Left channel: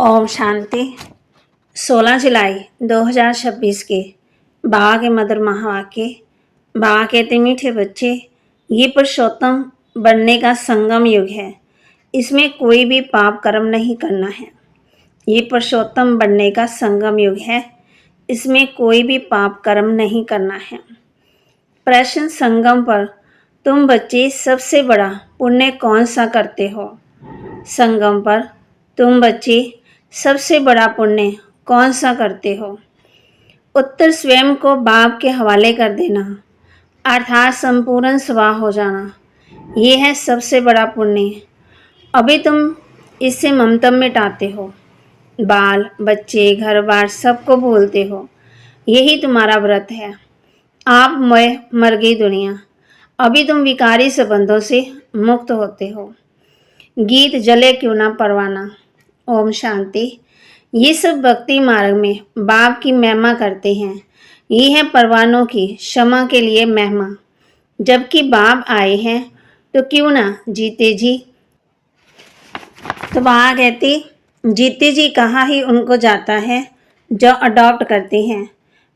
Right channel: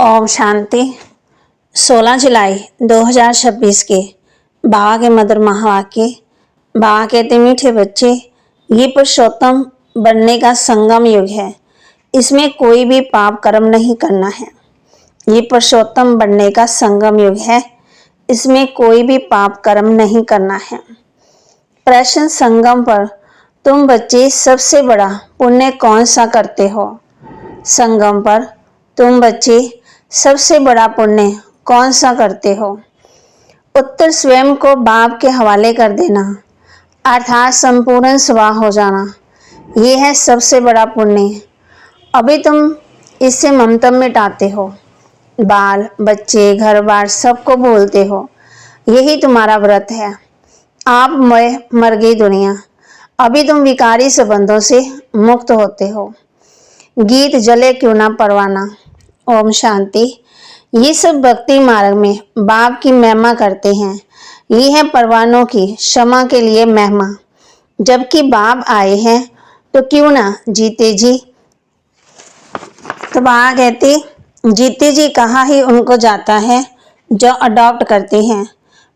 ओम शांति। 16 जुलाई 2026 के बाबा के मधुर महावाक्य। बाबा कहते मीठे बच्चे, ये पुरुषोत्तम बनने का संगम युग है। इसमें कोई भी पाप कर्म नहीं करना है। ये पुरुषोत्तम बनने का संगम युग है। इसमें कोई भी पाप कर्म नहीं करना है। प्रश्न संगम पर तुम बच्चे सबसे बड़ा पुण्य कौन सा करते हो? संगम पर तुम बच्चे सबसे बड़ा पुण्य कौन सा करते हो? उत्तर स्वयं को बाप के हवाले कर देना, अर्थात संपूर्ण स्वाह हो जाना, ये है सबसे बड़ा पुण्य। अभी तुम इससे ममता मिटाते हो, बाल बच्चे घर बार सबको बोलते हो, यही तुम्हारा व्रत है। आप मर गई दुनिया, अभी तुम विकारी संबंधों से मुक्त होते हो। गीत जले क्यों ना परवाना। ओम शांति। ये सब भक्ति मार्ग में बाप की महिमा करते हैं। ये है परवानों की क्षमा के लिए महिमा। जबकि बाप आए हैं तो क्यों ना जीते जी। तो बाबा कहते जीते जी कहा ही उनको जाता है जो अडॉप्ट करते हैं।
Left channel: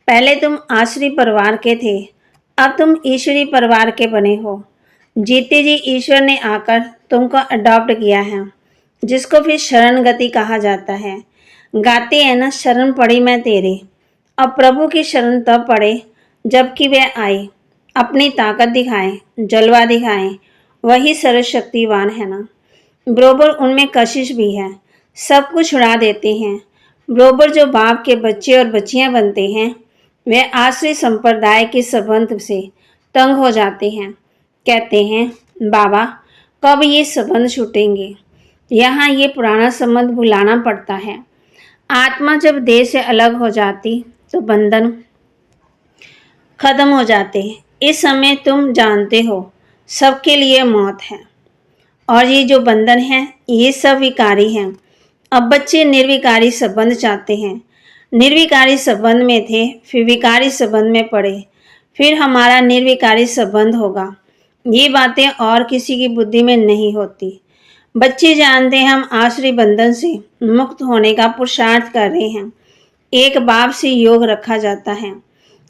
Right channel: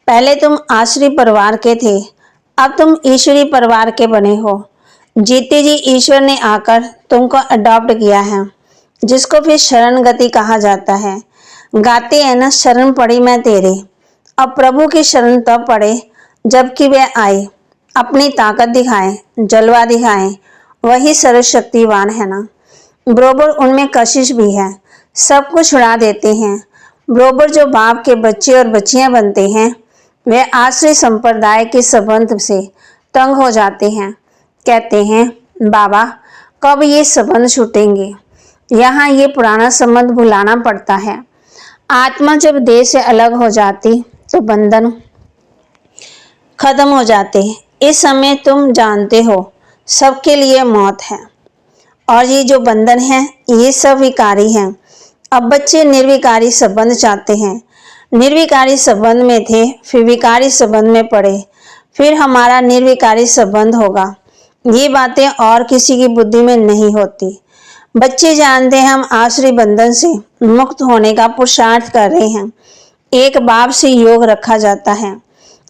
पहले तुम आश्री परिवार के थे, अब तुम ईश्वरी परिवार के बने हो। जीते जी ईश्वर ने आकर तुमको अडॉप्ट किया है, जिसको फिर शरण गति कहा जाता है। गाते हैं ना, शरण पड़ी मैं तेरे। अब प्रभु की शरण तब पड़े जबकि वे आए, अपनी ताकत दिखाएं, जलवा दिखाएं। वही सर्वशक्तिवान है ना। बरोबर उनमें कशिश भी है, सब कुछ छुड़ा देते हैं। बरोबर जो बाप के बच्चे और बच्चियां बनते हैं, वे आश्रय संप्रदाय के संबंध से तंग हो जाते हैं। कहते हैं बाबा कब ये संबंध छूटेंगे। यहाँ ये पुराना संबंध भुलाना पड़ता है। आत्मा जब देह से अलग हो जाती तो बंधन खत्म हो जाते। इस समय तुम जानते हो सबके लिए मौत है, और ये जो बंधन है ये सब विकारी हैं। अब बच्चे निर्विकारी संबंध चाहते हैं। निर्विकारी संबंध में थे, फिर विकारी संबंध में पड़े, फिर हमारा निर्विकारी संबंध होगा। ये बातें और किसी की बुद्धि में नहीं होती। बच्चे जानते हैं हम आश्रय बंधन से मुक्त होने का पुरुषार्थ कर रहे हैं। एक बाप से योग रखा जाता है।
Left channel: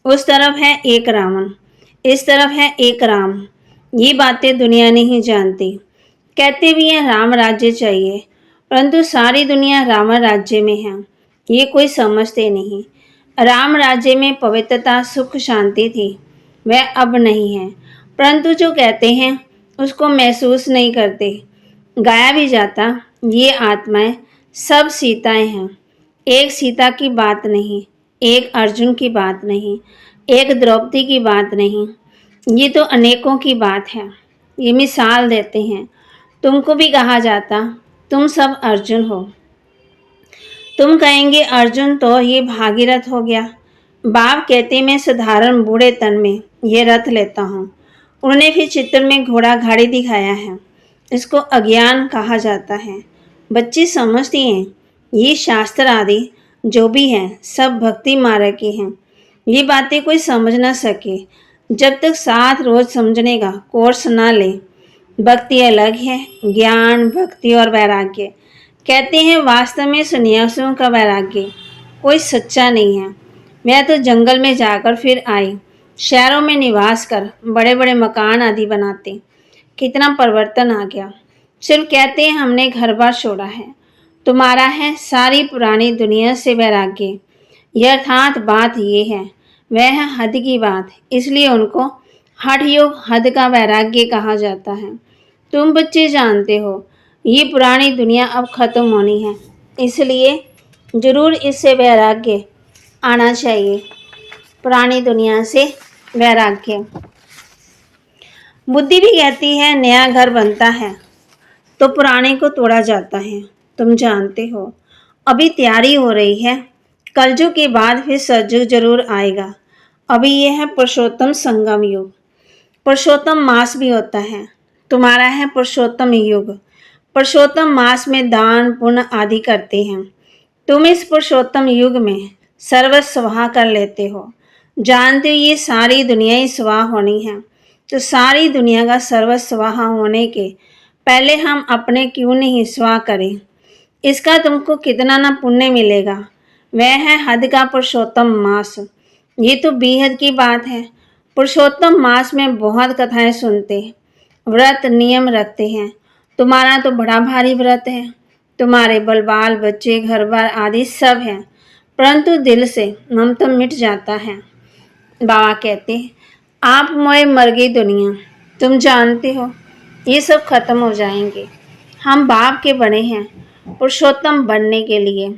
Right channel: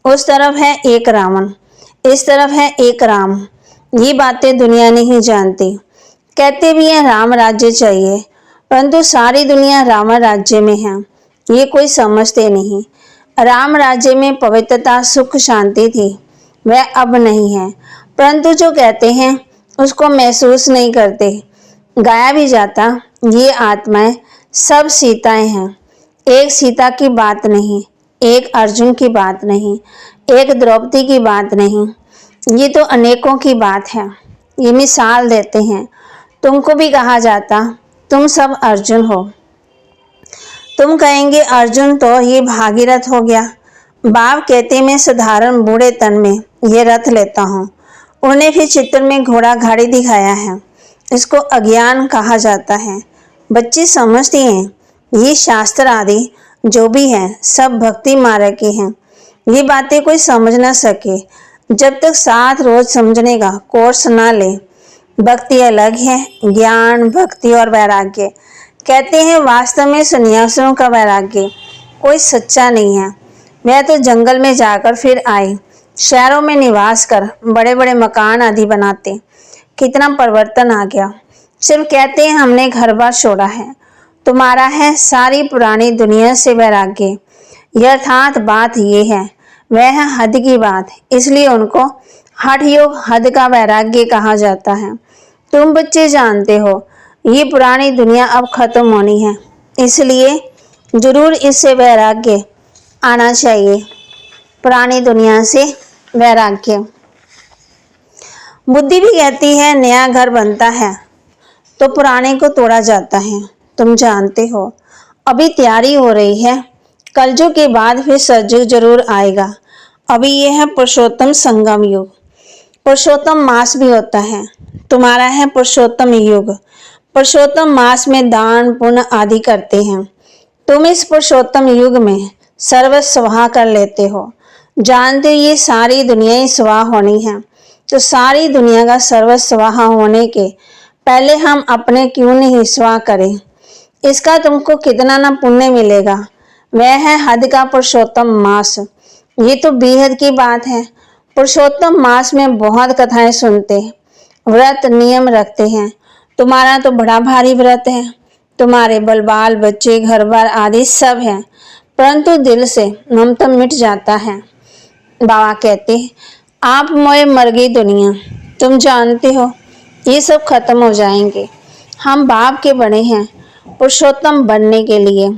उस तरफ है एक रावण, इस तरफ है एक राम। ये बातें दुनिया नहीं जानती। कहते भी हैं राम राज्य चाहिए, परंतु सारी दुनिया रावण राज्य में है, ये कोई समझते नहीं। राम राज्य में पवित्रता सुख शांति थी, वह अब नहीं है। परंतु जो कहते हैं उसको महसूस नहीं करते। गाया भी जाता ये आत्माएं सब सीताएं हैं। एक सीता की बात नहीं, एक अर्जुन की बात नहीं, एक द्रौपदी की बात नहीं, ये तो अनेकों की बात है। ये मिसाल देते हैं। तुमको भी कहा जाता तुम सब अर्जुन हो। तुम कहेंगे अर्जुन तो ये भागीरथ हो गया। बाप कहते मैं साधारण बूढ़े तन में ये रथ लेता हूँ। उन्हें फिर चित्र में घोड़ा गाड़ी दिखाया है। इसको अज्ञान कहा जाता है। बच्चे समझते हैं ये शास्त्र आदि जो भी है सब भक्ति मार्ग के हैं। ये बातें कोई समझ ना सके जब तक 7 रोज समझने का कोर्स ना ले। भक्ति अलग है, ज्ञान भक्ति और वैराग्य। कहते हैं वास्तव में सन्यासियों का वैराग्य कोई सच्चा नहीं है। वह तो जंगल में जाकर फिर आए, शहरों में निवास कर बड़े बड़े मकान आदि बनाते। कितना परिवर्तन आ गया। सिर्फ कहते हैं हमने घर बार छोड़ा है। तुम्हारा है सारी पुरानी दुनिया से वैराग्य। यथार्थ बात यह है, वह है हद की बात, इसलिए उनको हठ योग हद का वैराग्य कहा जाता है। तुम बच्चे जानते हो ये पुरानी दुनिया अब खत्म होनी है, इसलिए जरूर इससे वैराग्य आना चाहिए। पुरानी दुनिया से वैराग्य। बुद्धि भी कहती है नया घर बनता है तो पुराने को तोड़ा जाता है। तुम जानते हो अभी तैयारी हो रही है। कलयुग के बाद फिर सतयुग जरूर आएगा। अभी यह है पुरुषोत्तम संगम युग। पुरुषोत्तम मास भी होता है। तुम्हारा है पुरुषोत्तम युग। पुरुषोत्तम मास में दान पुण्य आदि करते हैं। तुम इस पुरुषोत्तम युग में सर्वस्व स्वाहा कर लेते हो। जानते हो ये सारी दुनिया ही स्वाहा होनी है, तो सारी दुनिया का सर्वस्व स्वाहा होने के पहले हम अपने क्यों नहीं स्वाहा करें। इसका तुमको कितना ना पुण्य मिलेगा। वह है हद का पुरुषोत्तम मास। ये तो बेहद की बात है। पुरुषोत्तम मास में बहुत कथाएं सुनते, व्रत नियम रखते हैं। तुम्हारा तो बड़ा भारी व्रत है। तुम्हारे बाल बच्चे घर बार आदि सब है, परंतु दिल से ममता मिट जाता है। बाबा कहते, आप मोए मर गई दुनिया, तुम जानते हो ये सब खत्म हो जाएंगे। हम बाप के बने हैं पुरुषोत्तम बनने के लिए।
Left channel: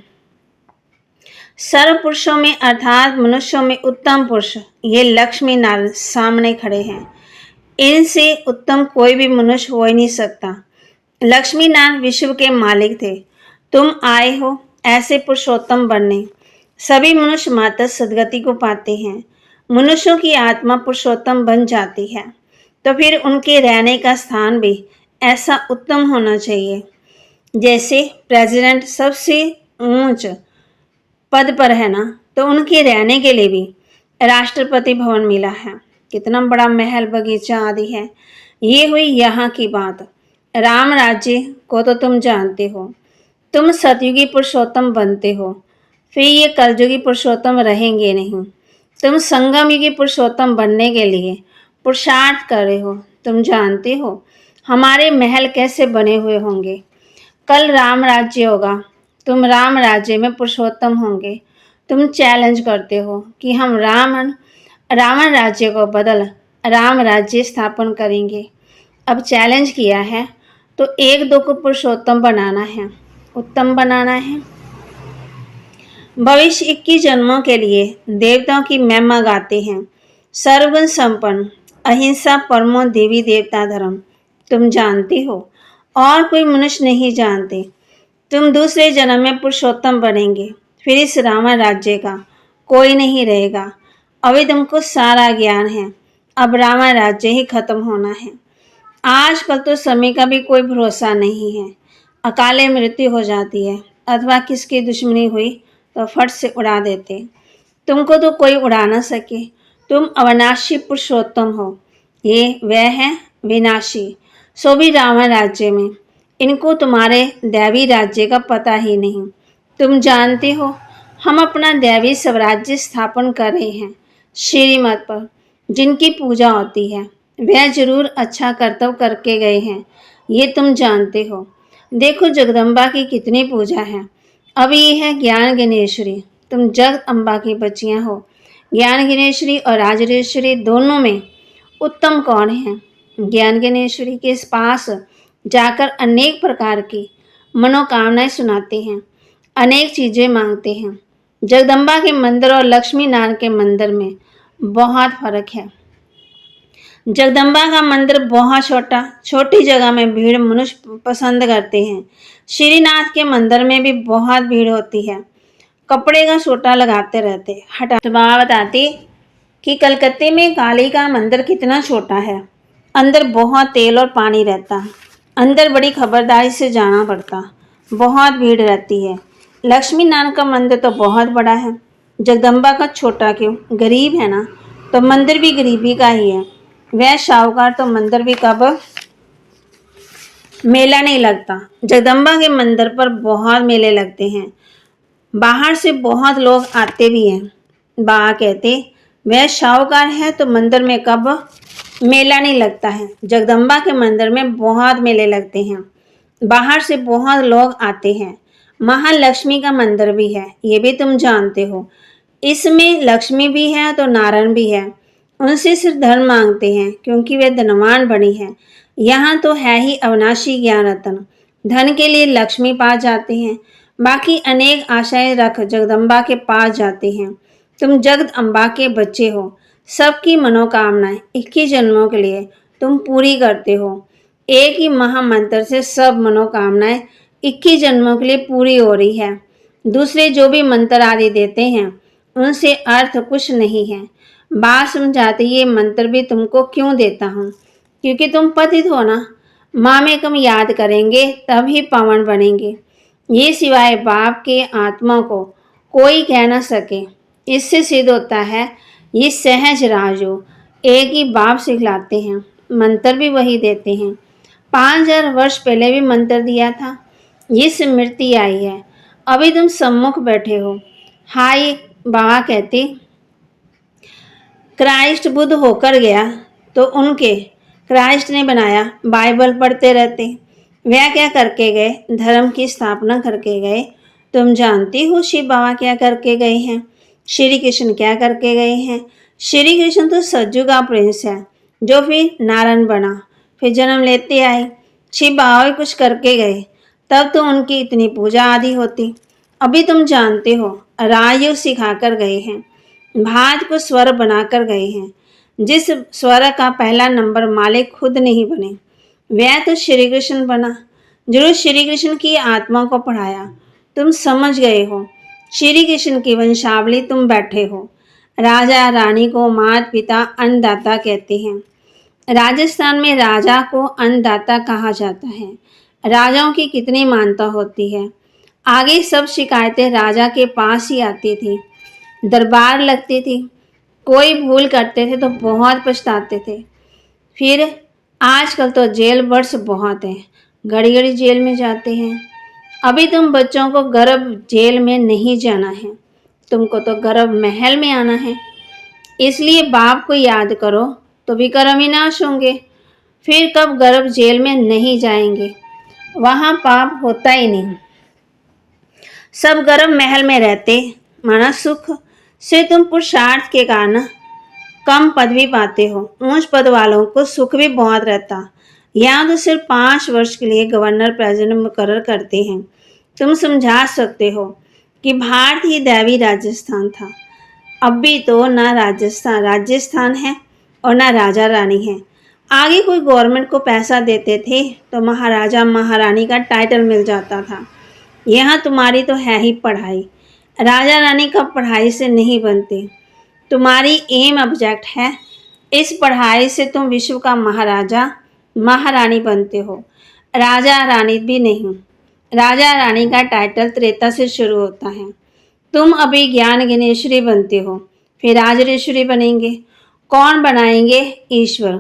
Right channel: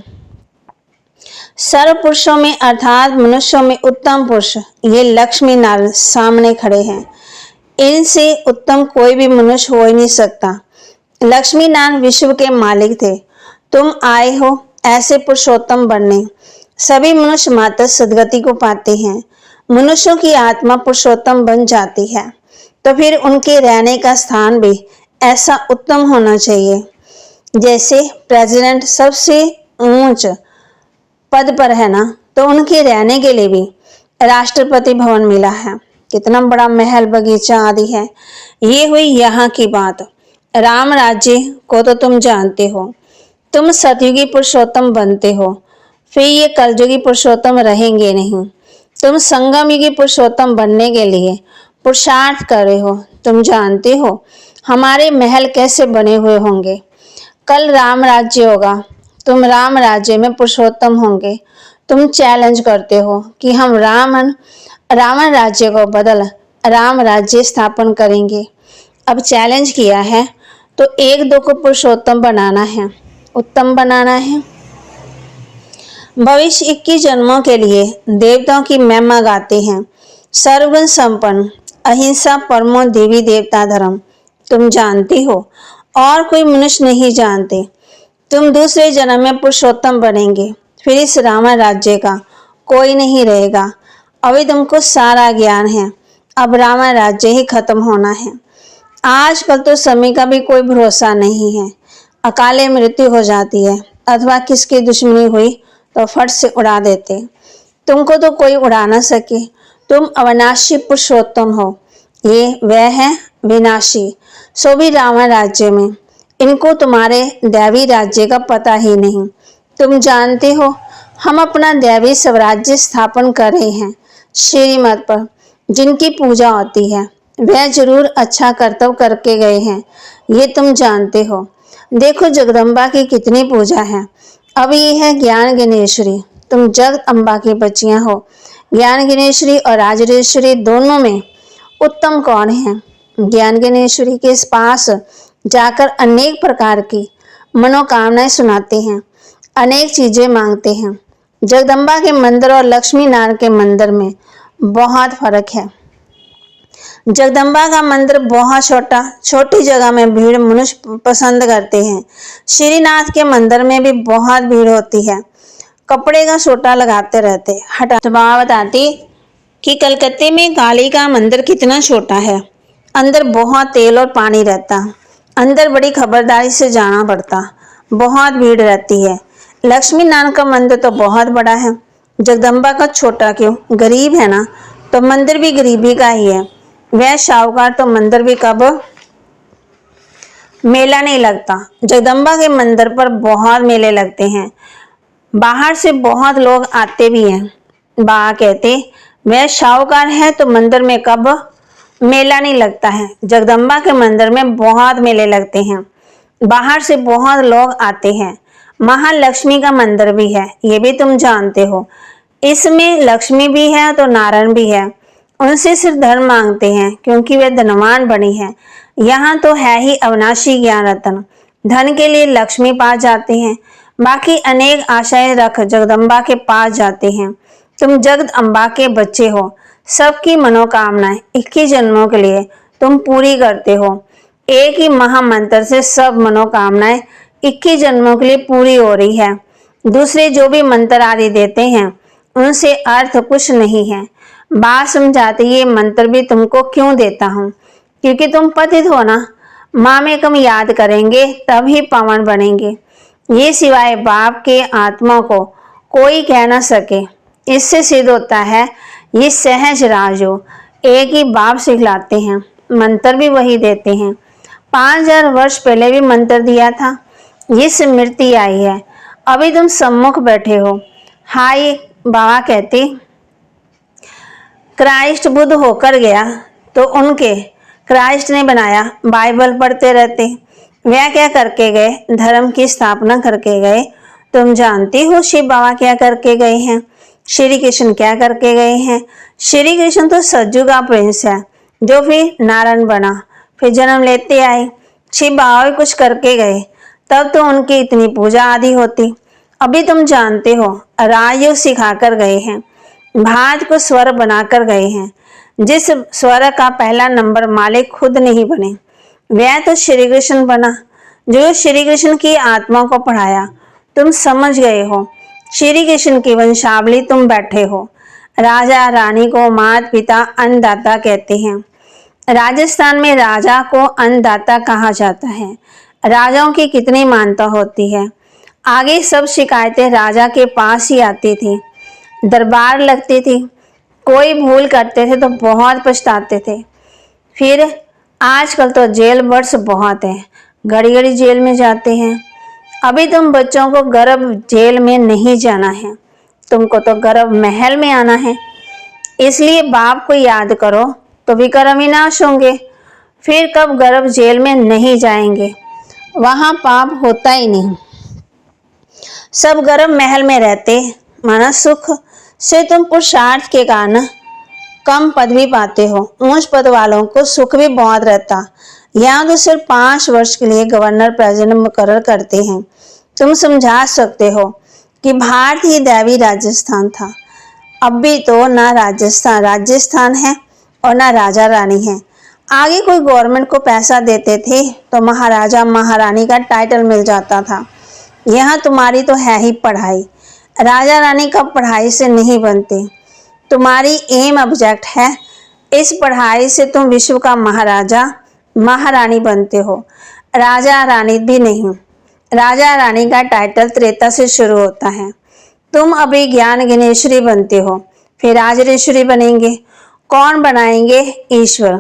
सर्व पुरुषों में अर्थात मनुष्यों में उत्तम पुरुष ये लक्ष्मी नारायण सामने खड़े हैं। इनसे उत्तम कोई भी मनुष्य हो ही नहीं सकता। लक्ष्मी नारायण विश्व के मालिक थे। तुम आए हो ऐसे पुरुषोत्तम बनने। सभी मनुष्य मात्र सदगति को पाते हैं। मनुष्यों की आत्मा पुरुषोत्तम बन जाती है, तो फिर उनके रहने का स्थान भी ऐसा उत्तम होना चाहिए। जैसे प्रेसिडेंट सबसे ऊंच पद पर है ना, तो उनके रहने के लिए भी राष्ट्रपति भवन मिला है। कितना बड़ा महल बगीचा आदि है। ये हुई यहाँ की बात। राम राज्य को तो तुम जानते हो। तुम सतयुगी पुरुषोत्तम बनते हो, फिर ये कलयुगी पुरुषोत्तम रहेंगे नहीं। तुम संगम युगी पुरुषोत्तम बनने के लिए पुरुषार्थ कर रहे हो। तुम जानते हो हमारे महल कैसे बने हुए होंगे। कल राम राज्य होगा, तुम राम राज्य में पुरुषोत्तम होंगे। तुम चैलेंज करते हो कि हम रावण राज्य को बदल राम राज्य स्थापन करेंगे। अब चैलेंज किया है तो एक दो को पुरुषोत्तम बनाना है, उत्तम बनाना है। भविष्य 21 जन्मों के लिए देवताओं की महिमा गाते हैं। सर्वगुण संपन्न, अहिंसा परमो देवी देवता धर्म तुम जानते हो, और कोई मनुष्य नहीं जानते। तुम दूसरे जन्म में पुरुषोत्तम बनेंगे, फिर इस रावण राज्य का कोई नहीं रहेगा। अभी तुमको सारा ज्ञान है। अब रावण राज्य ही खत्म होना है। आजकल तो समय का भी कोई भरोसा नहीं है। अकाले मृत्यु हो जाती है, अथवा किसकी दुश्मनी हुई तो फट से उड़ा देते। तुमको तो कोई उड़ा ना सके। तुम अविनाशी पुरुषोत्तम हो, ये वह है विनाशी, सो भी रावण राज्य में। इनको तुम्हारे दैवी राज्य का पता ही नहीं। तुम जानते हो हम अपना दैवी स्वराज्य स्थापन कर रहे हैं। श्रीमत पर जिनकी पूजा होती है वह जरूर अच्छा कर्तव्य करके गए हैं, ये तुम जानते हो। देखो जगदम्बा की कितनी पूजा है। अब ये है ज्ञान गणेश्वरी। तुम जगत अम्बा की बच्चियां हो। ज्ञान गणेश्वरी और राजरेश्वरी दोनों में उत्तम कौन है? ज्ञान गणेश्वरी के पास जाकर अनेक प्रकार की मनोकामनाएं सुनाते हैं, अनेक चीजें मांगते हैं। जगदम्बा के मंदिर और लक्ष्मी नारायण के मंदिर में बहुत फर्क है। जगदम्बा का मंदिर बहुत छोटा, छोटी जगह में भीड़ मनुष्य पसंद करते हैं। श्रीनाथ के मंदिर में भी बहुत भीड़ होती है। कपड़े का सोटा लगाते रहते हटा। तो बाबा बताती कि कलकत्ते में काली का मंदिर कितना छोटा है। अंदर बहुत तेल और पानी रहता। अंदर बड़ी खबरदारी से जाना पड़ता। बहुत भीड़ रहती है। लक्ष्मी नारायण का मंदिर तो बहुत बड़ा है। जगदम्बा का छोटा क्यों? गरीब है ना, तो मंदिर भी गरीबी का ही है। वह शाहूकार तो मंदिर भी कब मेला नहीं लगता। जगदम्बा के मंदिर पर बहुत मेले लगते हैं। बाहर से बहुत लोग आते भी हैं। बाबा कहते वह शाहूकार है तो मंदिर में कब मेला नहीं लगता है। जगदम्बा के मंदिर में बहुत मेले लगते हैं। बाहर से बहुत लोग आते हैं। महालक्ष्मी का मंदिर भी है, ये भी तुम जानते हो। इसमें लक्ष्मी भी है तो नारायण भी है। उनसे सिर्फ धन मांगते हैं क्योंकि वे धनवान बनी है। यहाँ तो है ही अविनाशी ज्ञान रत्न। धन के लिए लक्ष्मी पास जाते हैं, बाकी अनेक आशाएं रख जगदम्बा के पास जाते हैं। तुम जगत अम्बा के बच्चे हो। सबकी मनोकामनाएं 21 जन्मों के लिए तुम पूरी करते हो। एक ही महामंत्र से सब मनोकामनाएं 21 जन्मों के लिए पूरी हो रही है। दूसरे जो भी मंत्र आदि देते हैं उनसे अर्थ कुछ नहीं है। बात समझाते ये मंत्र भी तुमको क्यों देता हूँ, क्योंकि तुम पतित हो ना। माँ में कम याद करेंगे तभी पावन बनेंगे। ये सिवाय बाप के आत्मा को कोई कह ना सके। इससे सिद्ध होता है ये सहज राजो एक ही बाप सिखलाते हैं, मंत्र भी वही देते हैं। 5000 वर्ष पहले भी मंत्र दिया था। ये स्मृति आई है, अभी तुम सम्मुख बैठे हो। हाय बाबा कहते, क्राइस्ट बुद्ध होकर गया तो उनके क्राइस्ट ने बनाया, बाइबल पढ़ते रहते। वह क्या करके गए? धर्म की स्थापना करके गए। तुम जानती हो शिव बाबा क्या करके गए हैं, श्री कृष्ण क्या करके गए हैं। श्री कृष्ण तो सज्जू का प्रिंस है जो फिर नारायण बना, फिर जन्म लेते आए। शिव बाबा भी कुछ करके गए, तब तो उनकी इतनी पूजा आदि होती। अभी तुम जानते हो राजयोग सिखा कर गए हैं, भारत को स्वर बनाकर गए हैं। जिस स्वर का पहला नंबर मालिक खुद नहीं बने, वह तो श्री कृष्ण बना, जो श्री कृष्ण की आत्मा को पढ़ाया। तुम समझ गए हो, श्री कृष्ण की वंशावली तुम बैठे हो। राजा रानी को माता पिता अन्नदाता कहते हैं। राजस्थान में राजा को अन्नदाता कहा जाता है। राजाओं की कितनी मानता होती है। आगे सब शिकायतें राजा के पास ही आती थी, दरबार लगती थी। कोई भूल करते थे तो बहुत पछताते थे। फिर आजकल तो जेल वर्ष बहुत है, घड़ी घड़ी जेल में जाते हैं। अभी तुम बच्चों को गर्भ जेल में नहीं जाना है, तुमको तो गर्भ महल में आना है। इसलिए बाप को याद करो तो विक्रम विनाश होंगे। फिर कब गर्भ जेल में नहीं जाएंगे, वहां पाप होता ही नहीं। सब गर्भ महल में रहते, माना सुख से तुम पुरुषार्थ के कारण कम पदवी पाते हो। ऊंच पद वालों को सुख भी बहुत रहता। यहाँ तो सिर्फ 5 वर्ष के लिए गवर्नर प्रेसिडेंट मुकर्रर करते हैं। तुम समझा सकते हो कि भारत ही दैवी राजस्थान था। अब भी तो ना राजस्थान राजस्थान है और ना राजा रानी है। आगे कोई गवर्नमेंट को पैसा देते थे तो महाराजा महारानी का टाइटल मिल जाता था। यहाँ तुम्हारी तो है ही पढ़ाई, राजा रानी का पढ़ाई से नहीं बनते। तुम्हारी एम ऑब्जेक्ट है, इस पढ़ाई से तुम विश्व का महाराजा महारानी बनते हो, राजा रानी भी नहीं। राजा रानी का टाइटल त्रेता से शुरू होता है। तुम अभी ज्ञान ज्ञानेश्वरी बनते हो, फिर राजरेश्वरी बनेंगे। कौन बनाएंगे? ईश्वर।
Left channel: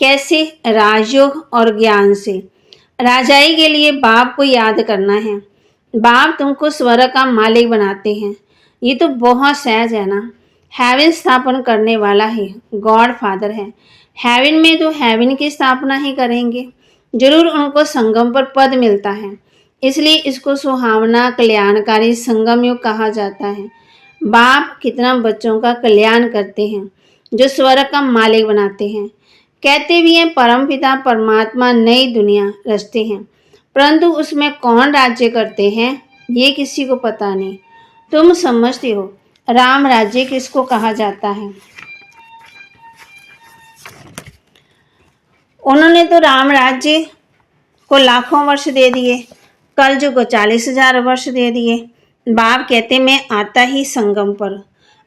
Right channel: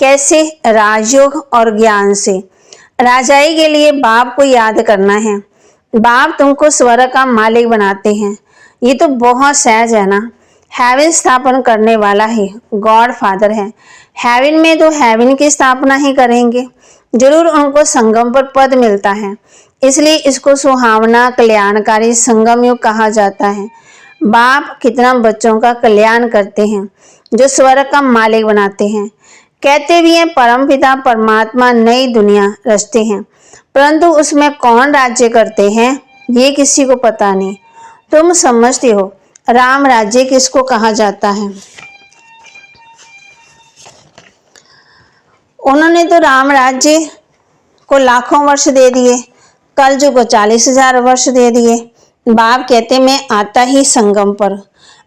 कैसे? राजयोग और ज्ञान से। राजाई के लिए बाप को याद करना है। बाप तुमको स्वर्ग का मालिक बनाते हैं। ये तो बहुत सहज है ना। हेवन स्थापन करने वाला ही गॉड फादर है। हेवन में तो हेवन की स्थापना ही करेंगे। जरूर उनको संगम पर पद मिलता है, इसलिए इसको सुहावना कल्याणकारी संगम युग कहा जाता है। बाप कितना बच्चों का कल्याण करते हैं, जो स्वर्ग का मालिक बनाते हैं। कहते भी हैं परमपिता परमात्मा नई दुनिया रचते हैं, परंतु उसमें कौन राज्य करते हैं ये किसी को पता नहीं। तुम समझते हो राम राज्य किसको कहा जाता है? उन्होंने तो राम राज्य को लाखों वर्ष दे दिए, कलयुग को 40,000 वर्ष दे दिए। बाप कहते मैं आता ही संगम पर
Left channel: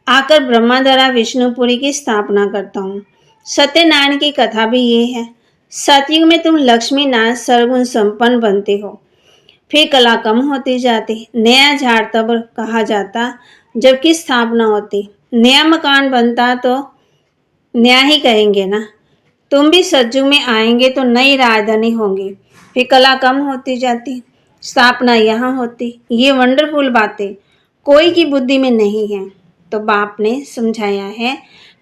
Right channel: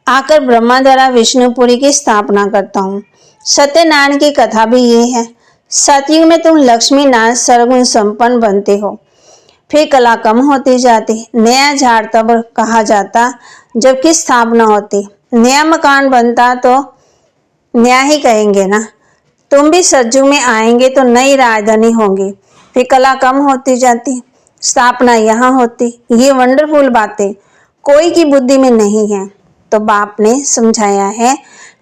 आकर ब्रह्मा द्वारा विष्णुपुरी की स्थापना करता हूँ। सत्यनारायण की कथा भी ये है। सतयुग में तुम लक्ष्मी नारायण सर्वगुण संपन्न बनते हो, फिर कला कम होती जाती। नया झाड़ तब कहा जाता जबकि स्थापना होती। नया मकान बनता तो नया ही कहेंगे ना। तुम भी सतयुग में आएंगे तो नई राजधानी होंगी, फिर कला कम होती जाती, स्थापना यहाँ होती। ये वंडरफुल बातें कोई की बुद्धि में नहीं है। तो बाप ने समझाया है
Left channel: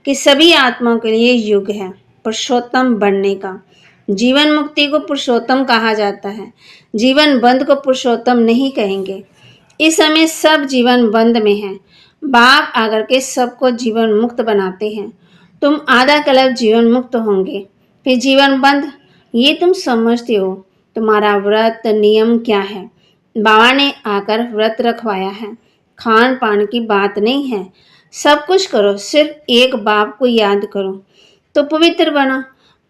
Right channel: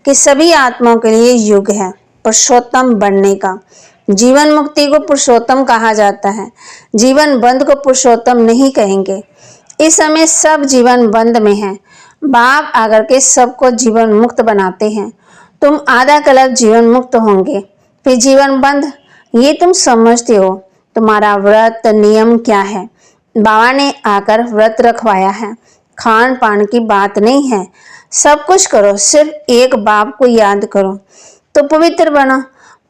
कि सभी आत्माओं के लिए युग है पुरुषोत्तम बनने का। जीवन मुक्ति को पुरुषोत्तम कहा जाता है, जीवन बंद को पुरुषोत्तम नहीं कहेंगे। इस समय सब जीवन बंद में है। बाप आकर के सबको जीवन मुक्त बनाते हैं। तुम आधा कल्प जीवन मुक्त होंगे, फिर जीवन बंद। ये तुम समझते हो। तुम्हारा व्रत नियम क्या है? बाबा ने आकर व्रत रखवाया है, खान पान की बात नहीं है। सब कुछ करो, सिर्फ एक बाप को याद करो तो पवित्र बनो।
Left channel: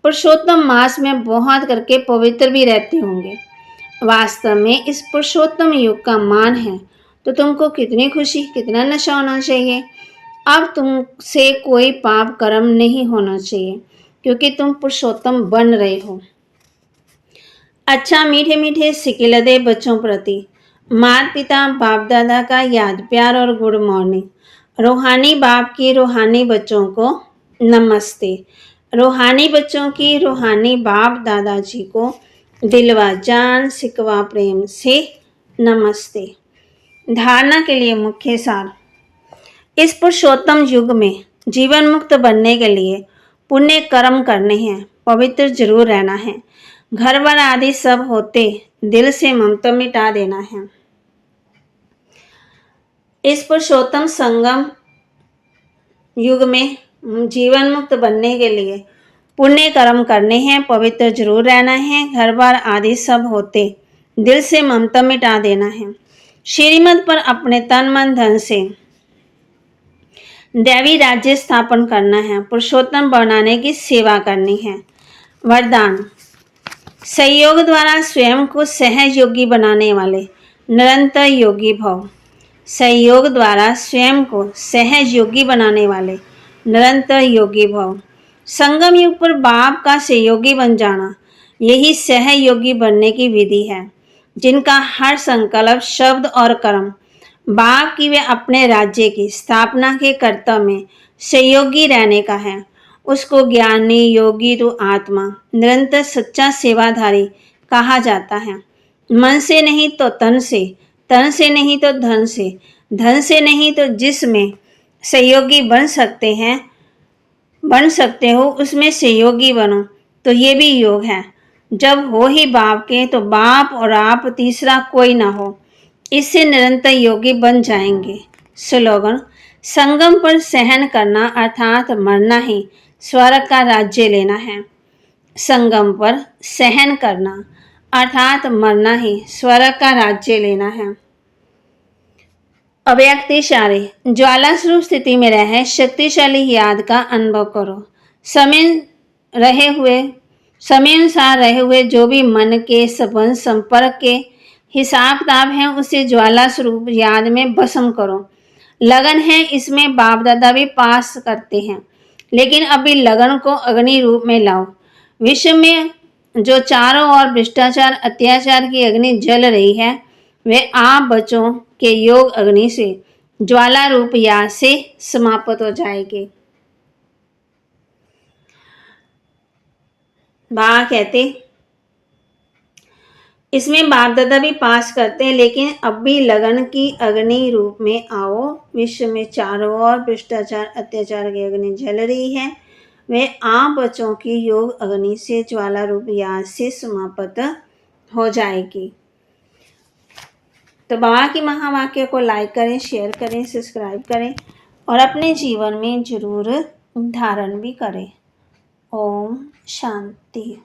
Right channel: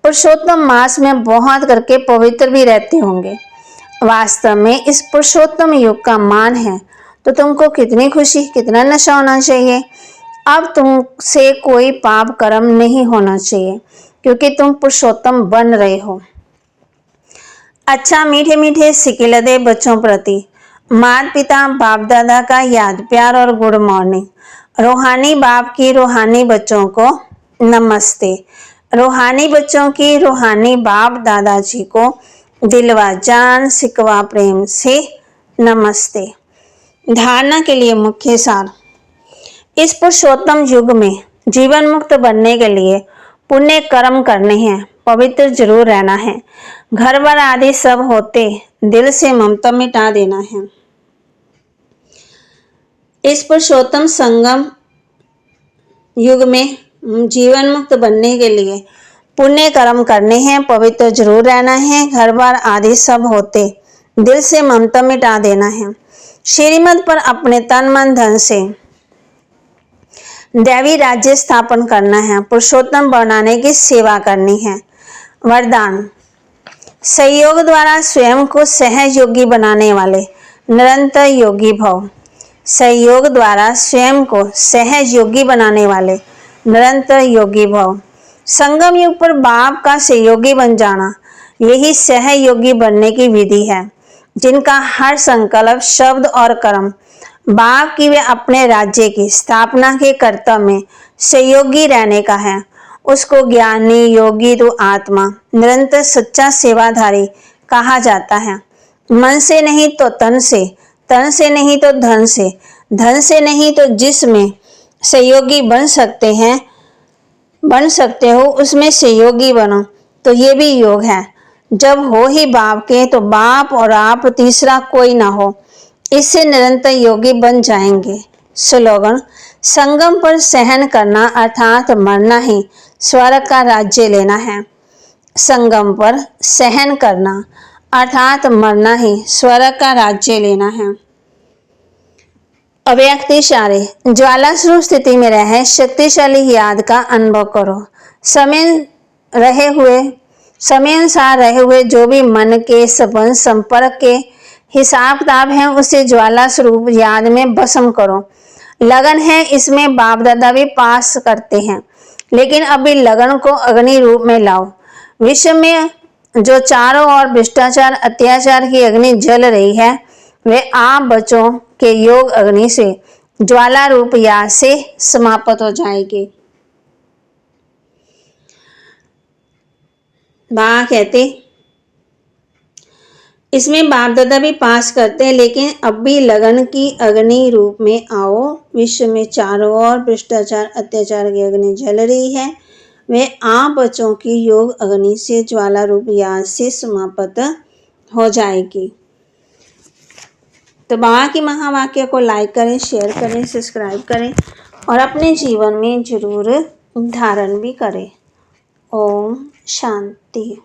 पुरुषोत्तम मास में बहुत करके पवित्र भी रहते होंगे। वास्तव में इस पुरुषोत्तम युग का मान है तो तुमको कितनी खुशी, कितना नशा होना चाहिए। अब तुमसे कोई पाप कर्म नहीं होना चाहिए क्योंकि तुम पुरुषोत्तम बन रहे हो। अच्छा मीठे मीठे सिकिलदे बच्चों प्रति माता पिता बाप दादा का याद प्यार और गुड मॉर्निंग। रूहानी बाप की रूहानी बच्चों को नमस्ते। रूहानी बच्चों की रूहानी बाप दादाजी को दिलवा जान सिकवा प्रेम से नमस्ते। धारणा के लिए मुख्य सार। इस पुरुषोत्तम युग में जीवन मुक्त बनने के लिए पुण्य कर्म करने हैं, पवित्र जरूर रहना है, घर बार आदि सब होते दिल से ममता मिटा देना है। इस पुरुषोत्तम संगम युग में जीवन मुक्त बनने के लिए पुण्य कर्म करने हैं, पवित्र जरूर रहना है, घर बार आदि सब होते दिल से ममता मिटा देना है। श्रीमत पर अपने तन मन धन से दैवी राज्य स्थापन करना है, पुरुषोत्तम बनाने की सेवा करनी है। वरदान। सहयोग द्वारा स्वयं को सहयोगी बनाने वाले निरंतर योगी भव। सहयोग द्वारा स्वयं को सहयोगी बनाने वाले निरंतर योगी भव। संगम युग पर बाप का सहयोगी बन जाना, यही सहयोगी बनने की विधि है, जिनका हर संकल्प शब्द और कर्म बाप की वे अपने राज्य की स्थापना के कर्तव्य में सहयोगी रहने का है। उसको ज्ञानी योगी तो आत्मा निरंतर सच्चा सेवाधारी कहा जाता है। मन से नहीं तो तन से नहीं तो धन से नहीं तो जिसमें सहयोगी बन सकते हो उसमें सहयोगी बनो, तो ये भी योग है। जब हो ही बाप के तो बाप और आप तीसरा कोई ना हो, इससे निरंतर योगी बन जाएंगे। स्लोगन। संगम पर सहन करना अर्थात मरना ही स्वर्ग का राज्य लेना है। संगम पर सहन करना अर्थात मरना ही स्वर्ग का राज्य लेना है। अव्यक्त इशारे। ज्वाला स्वरूप स्थिति में रहे शक्तिशाली याद का अनुभव करो। समय अनुसार रहे हुए जो भी मन के संबंध संपर्क के हिसाब किताब है उसे ज्वाला स्वरूप याद में भस्म करो। लगन है इसमें बाप दादा भी पास करते हैं, लेकिन अभी लगन को अग्नि रूप में लाओ। विश्व में जो चारों ओर भ्रष्टाचार अत्याचार की अग्नि जल रही है, वे आप बच्चों के योग अग्नि से ज्वाला रूप याद से समाप्त हो जाएगी। बाबा कहते इसमें बाप दादा भी पास करते हैं, लेकिन अब भी लगन की अग्नि रूप में आओ। विश्व में चारों ओर भ्रष्टाचार अत्याचार की अग्नि जल रही है, वे आप बच्चों की योग अग्नि से ज्वाला रूप याद से समाप्त हो जाएगी। तो बाबा की महावाक्य को लाइक करें, शेयर करें, सब्सक्राइब करें और अपने जीवन में जरूर धारण भी करें। ओम शांति।